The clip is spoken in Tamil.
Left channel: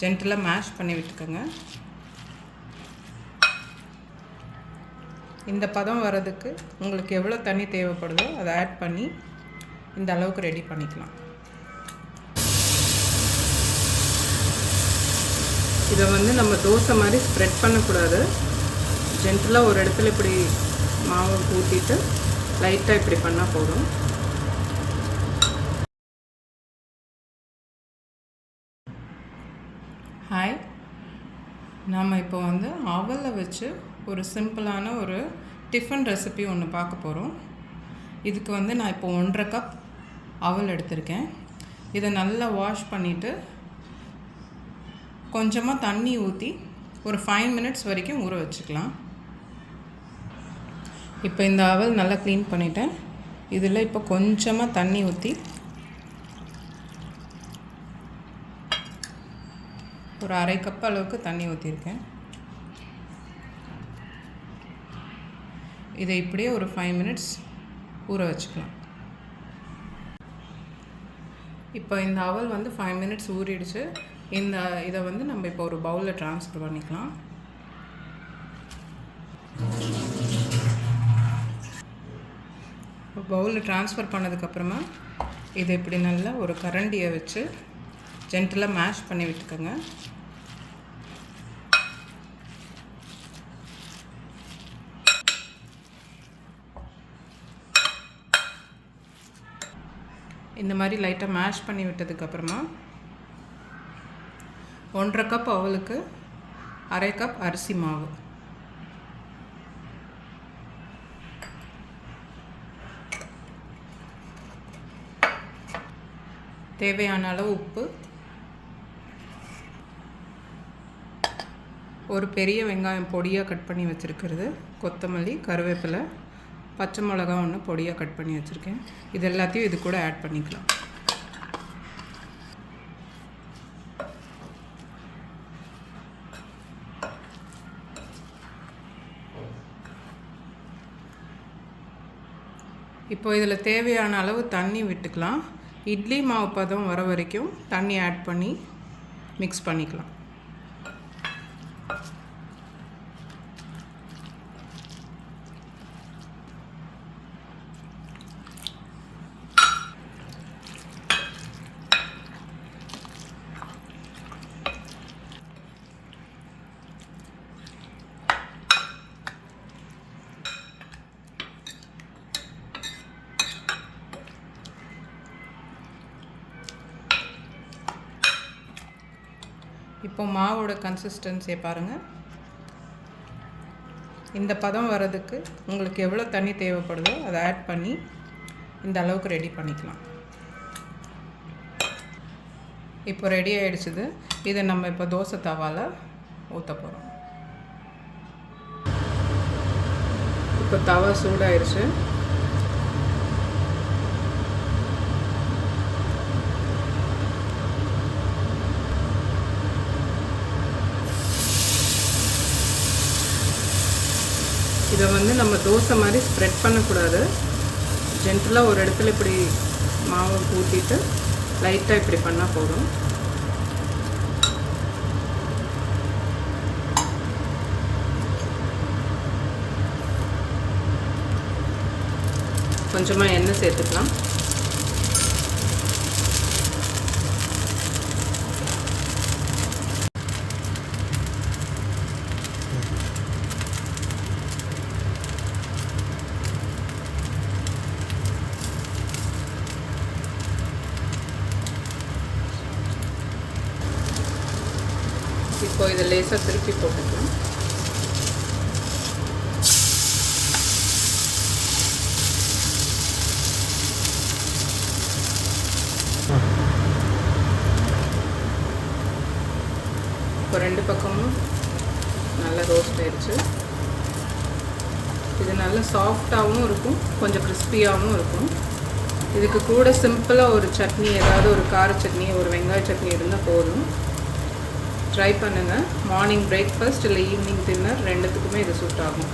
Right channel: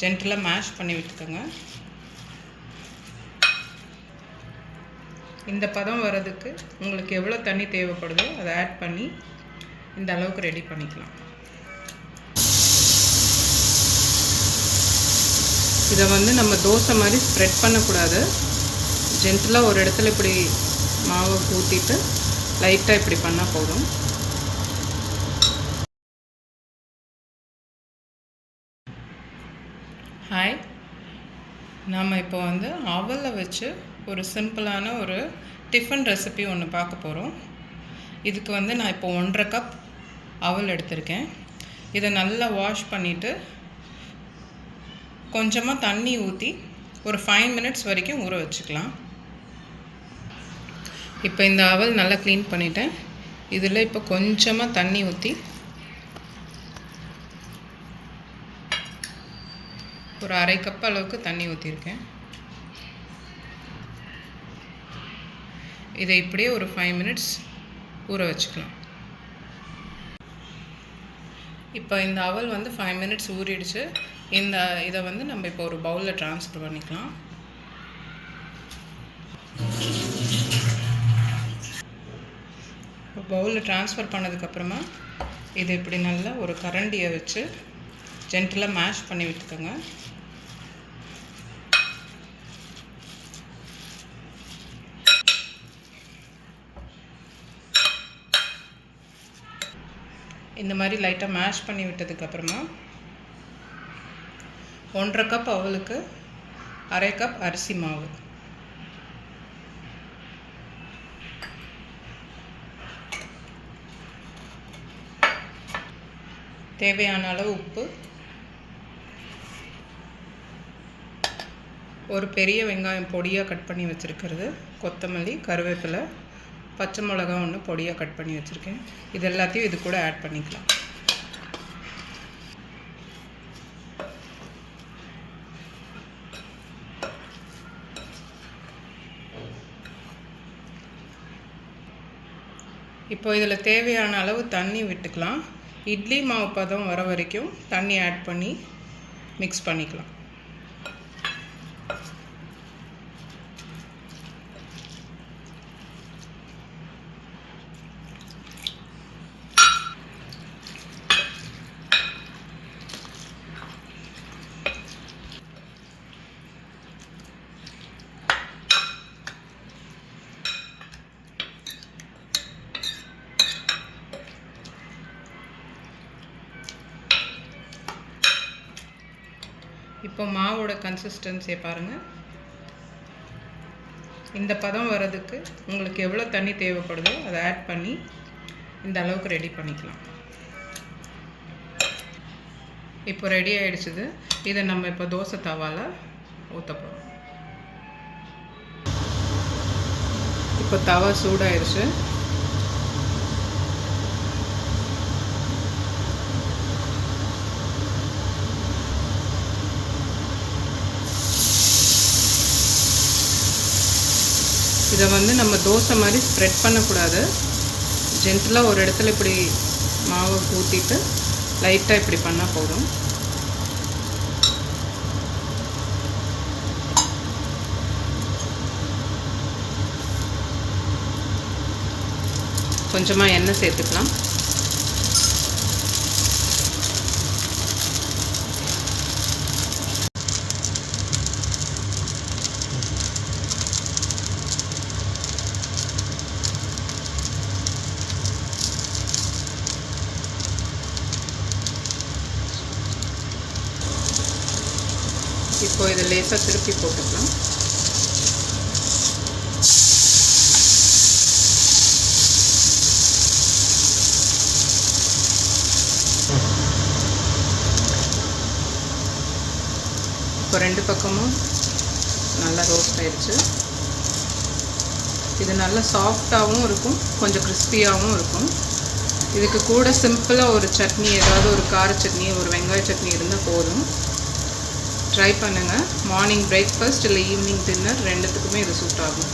ஜென்டலாக மேஷ் பண்ணி விட்டுக்கோங்க. இந்த பதம் வர்றதுக்கு உங்களுக்கு எவ்வளோ தண்ணி தேவைப்படுதோ அதை ஆட் பண்ணி இந்த அளவுக்கு ரெடி பண்ணிக்கலாம். இதை வந்து நம்ம தோசை மாதிரி ஸ்ப்ரெட் பண்ணக்கூடாது. ஜென்டலாக ஒரு இடத்துல இப்படி மாவை ஊற்றிட்டு லைட்டாக இப்படி பண்ணால் போதும். ஹாய் நாம் இப்போ வந்து அவலை வச்சு ஒரு சிம்பிளான ஒரு டிஃபன் ரெசிபி ஒன்று பார்க்க போகிறோம் இதுக்கு வந்து நான் இப்போ ஒன்றரை கப் அவல் எடுத்திருக்கேன். இதை நல்லா வாஷ் பண்ணிவிட்டு கொஞ்சமாக தண்ணி ஊற்றி ஒரு ஃபைவ் மினிட்ஸ் வரைக்கும் ஊற வச்சுக்கலாம். இப்போ இந்த அவல் நல்லா க்ளீன் பண்ணிவிட்டேன் இதில் இப்போ கொஞ்சமாக தண்ணி ஊற்றி ஒரு அரை கப் அளவுக்கு தண்ணி ஊற்றிருக்கேன் இதை இப்படியே ஒரு ஃபைவ் மினிட்ஸ் ஊற வச்சுக்கலாம். இப்போ இந்த அவல் வந்து ஃபைவ் மினிட்ஸ் ஊறிடுச்சு. இந்த இதை வந்து நம்ம இப்போ ஒரு பவுலில் ட்ரான்ஸ்ஃபர் பண்ணிக்கலாம். இப்போ பவுலில் ட்ரான்ஸ்ஃபர் பண்ணதுக்கப்புறமா இது இப்படி நல்லா ஒரு கரண்டியை வச்சு ஜென்டலாக மேஷ் பண்ணி விட்டுக்கோங்க. இந்த மாதிரி லைட்டாக மேஷ் பண்ணி விட்டதுக்கப்புறமா ஒன்றரை கப் அவளுக்கு அரை கப் அரிசி மாவு. தேவையான அளவு உப்பு ஒரு பெரிய வெங்காயம் பொடியாக கட் பண்ணி வச்சுருக்கிறது. கொத்தமல்லி கருவேப்பிலை பச்சை மிளகா ஒன்று பொடியாக கட் பண்ணி வச்சுருக்கேன். இது எல்லாத்தையும் இது கூட ஆட் பண்ணிக்கலாம். இப்போ இதில் தேவையான அளவு தண்ணி விட்டுக்கலாம். இட்லி மாவு பதம் வர வரைக்கும் தண்ணி ஆட் பண்ணி மிக்ஸ் பண்ணிக்கலாம். இப்போ மாவோட கன்சிஸ்டன்சியை பாருங்கள் இந்த பதம் வர்றதுக்கு உங்களுக்கு எவ்வளோ தண்ணி தேவைப்படுதோ அதை ஆட் பண்ணி இந்த அளவுக்கு ரெடி பண்ணிக்கலாம். இப்போ ரெடி ஆகிடுச்சிது இதை நம்ம இப்போ தோசை தவாவில் ஊற்ற போகிறோம் இப்போ தவா சூடாயிடுச்சு இதை வந்து நம்ம தோசை மாதிரி ஸ்ப்ரெட் பண்ணக்கூடாது. ஜென்டலாக ஒரு இடத்துல இப்படி மாவை ஊற்றிட்டு லைட்டாக இப்படி பண்ணால் போதும். கொஞ்சமாக எண்ணெய் சேர்த்துக்கலாம். இப்போ இதை லேசாக திருப்பி போட்டுக்கணும். இப்போ ரெண்டு பக்கமும் நல்லா ரோஸ்ட் ஆயிடுச்சு. இது நல்லா சாஃப்டாகவும் இருக்கும் கொஞ்சம் கிறிஸ்பியாகவும் இருக்கும். இதுக்கு கூட சிம்பிளாக ஒரு சட்னி ஏதாவது ஒரு கார சட்னி ஒரு வெங்காய சட்னி இருந்தால் போதும். ட்ரை பண்ணுங்கள் மார்னிங் பிரேக்ஃபாஸ்ட் இல்லை ஈவினிங் டின்னர் ரெண்டுத்துக்குமே இது சூட் ஆகும்.